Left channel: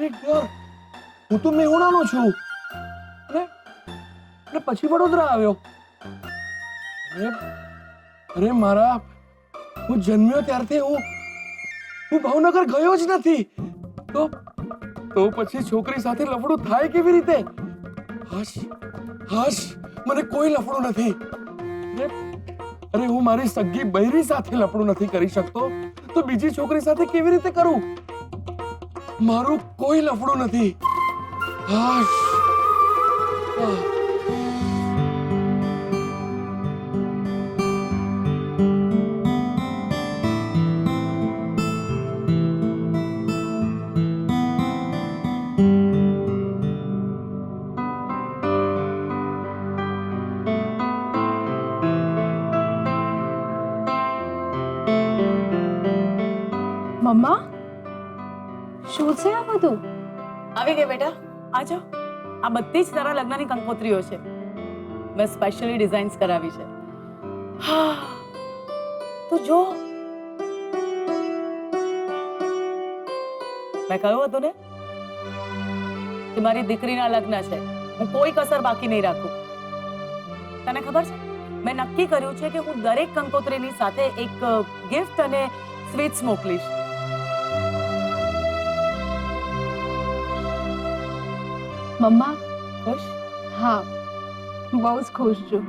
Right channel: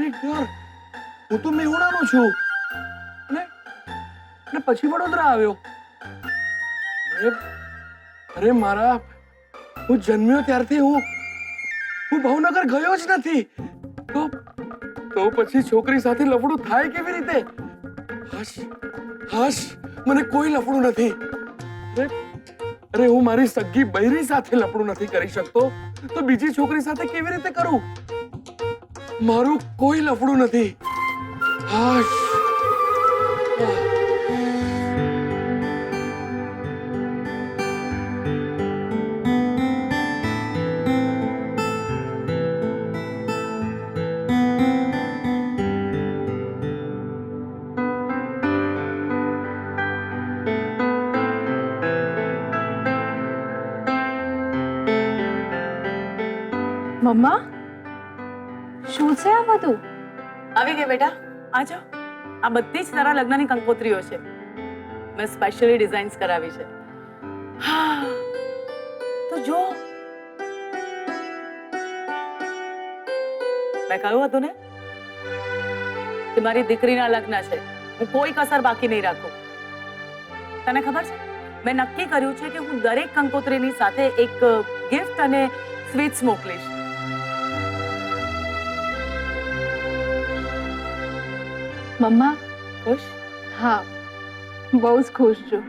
Minute યાર, હું તો મેહુણાનો છું અને પછી વડોદરા આવ્યો. અરે મારા, હું જન્મ્યો ત્યારથી હું ભાવનગર ગયો જ નથી. તો પછી છોકરી સાથે લફડું થાય કેવી રીતે? હાશ, મને કોઈ લફડું નથી. અરે હું મારી સગી બૈરી સાથે લફડું નથી કરી શકતો, તો બીજી છોકરી સાથે કેવી રીતે કરું? મારું કોઈ લફડું નથી. હાશ. મમ્મા, શું છે આ બધું? આવી ગઈ બેટા, આ જાઓ. આ બધી જ તારા લગ્નની કંકોત્રીઓ છે. મેં સ્પેશિયલી ડિઝાઇન્સ કરાવી છે. હા, તો જો મેં કહ્યું હતું ને કે મારી દીકરીના લગ્ન છે, હું કોઈ કસર બાકી નહીં રાખું. તને ખબર છે, મેં નક્કી કર્યું છે કે હું દરેક કંકોત્રીની સાથે એક ગિફ્ટ અને સ્વીટ્સ મોકલીશ. મમ્મા, ખુશ? હા, બહુ જ ખુશ છું.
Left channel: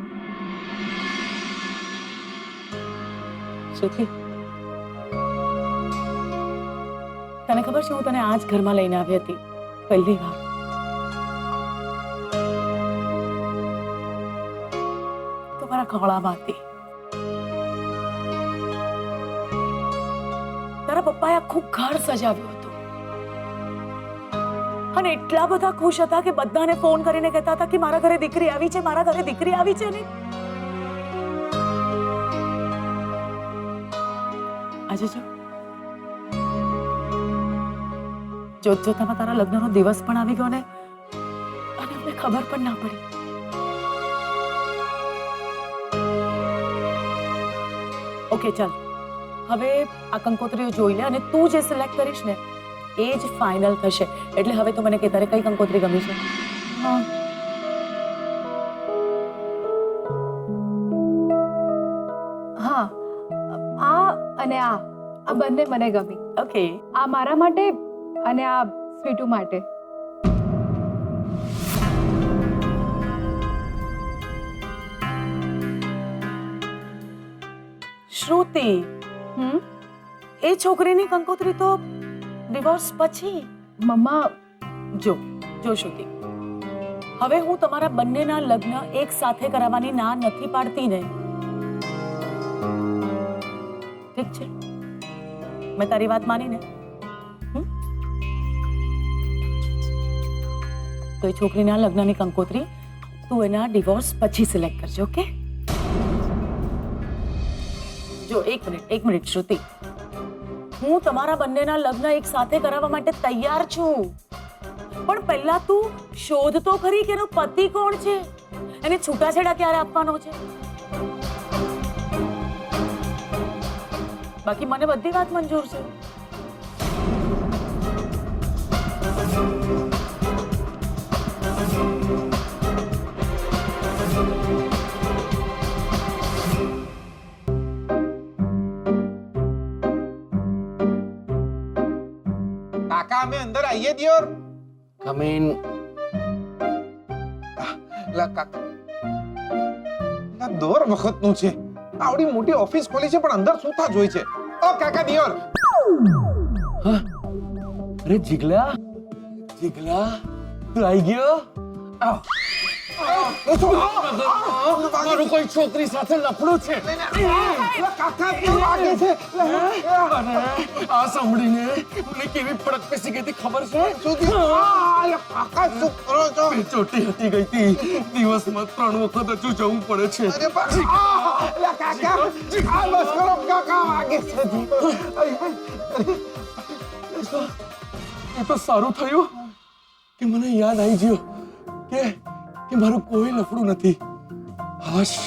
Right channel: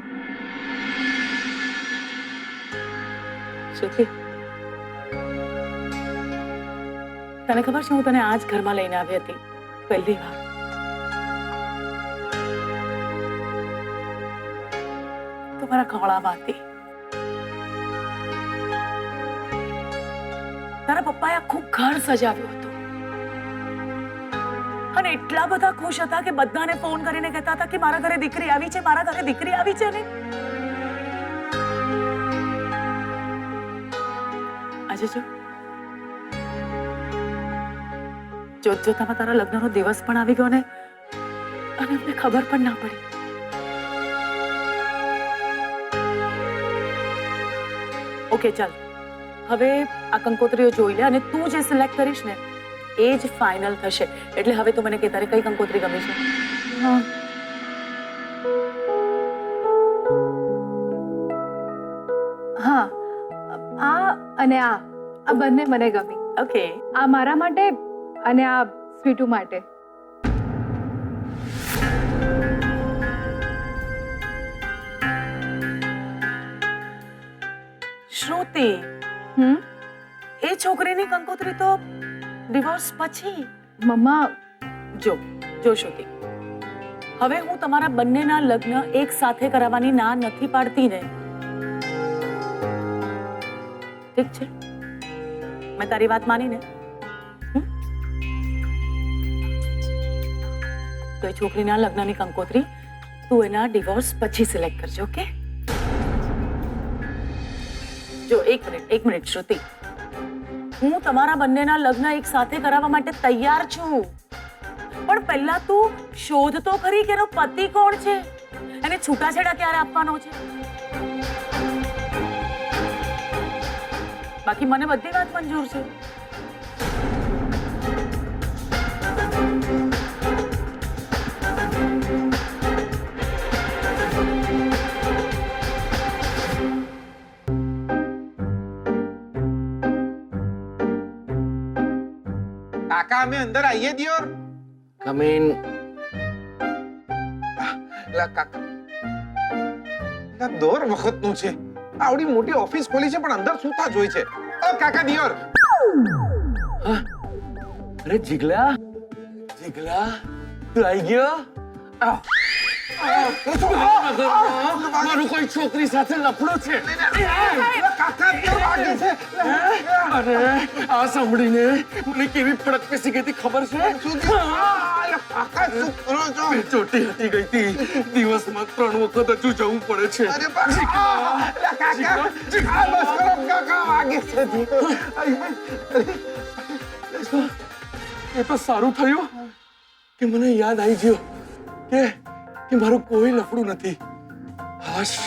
શ્રુતિ, તને ખબર છે, હું તને આ જ ઘરમાં લઈને આવી હતી પહેલી વાર. તો મારા ખોળામાં હતી. તારા પપ્પાએ આખું ઘર સજાવ્યું હતું અને એટલા બધા ખુશ હતા કે બધાને ફોન કરીને કહેતા હતા કે મારા ઘરે દીકરી આવી છે, મારા ઘરે દીકરી આવી છે. ને આજે જોતજોતામાં તારા લગ્નનો દિવસ પણ આવી ગયો ને અને અમને ખબર પણ ના પડી. ઓકે, ચાલ, હવે આ કંકોત્રીઓ જોઈ લે અને તું જે સિલેક્ટ કરીશ ને એ જ ફાઇનલ થશે. એટલે હવે તું મને કે તારે કઈ કંકોત્રી ગમી છે? હા, આ અને આ બંને મને ગમી. ઓકે, આ મારા માટે અને આ સ્વીટુ માટે. શ્રુતિ, એ છોકરીની કંકોત્રી તો ડિવોર્સ પછી. મમ્મા, જો શ્રુતિ, હવે હું તમારા બંનેના લગ્ન એક સાથે કરાવવાની ના નથી પાડતી ને. ઠીક છે, મેં તારી વાત માની ને. તો એ છોકરીના લગ્નની કંકોત્રી તું એના ડિવોર્સ પછી સિલેક્ટ કરજો. ઓકે? જો એક મિનિટ શ્રુતિ, હું તમારા બંનેના લગ્ન એક સાથે કરાવવા માટે તૈયાર છું, પણ પહેલા તું શોધ તો ખરી કે એનો પતિ કોણ છે, એને છૂટાછેડા ક્યારે આપવાનો છે. બાકી મને બધી વાત મંજૂર છે. કાકા, અમે અંદર આવીએ દિયોર. Come in. લા કાકા, લા દોર વખતનું છે. આવડી મોટી ઓફિસ ખોલી છે પણ અંદર સૂતા જ હોય છે. ઓ કાકા દિયોર. અરે જીગલા, તું આવી ગયો? મારું કોઈ છોકરી સાથે લફડું છે. કાકા કેમ વાગે છે? અરે આ સાંભળીને મને કેવી ફડક પેસી ગઈ હતી ખબર છે? કાકા શું કરો છો? ચોટી હટી ગઈ હતી. દિવસમાં 3 વખત હજુ જવું પડે છે. અરે કાકા, બસ કરો કાકા, વાગે છે. એ તો સારું થયું કે મને યાદ આવી ગયું કે મારું કોઈ લફડું નથી. હાશ.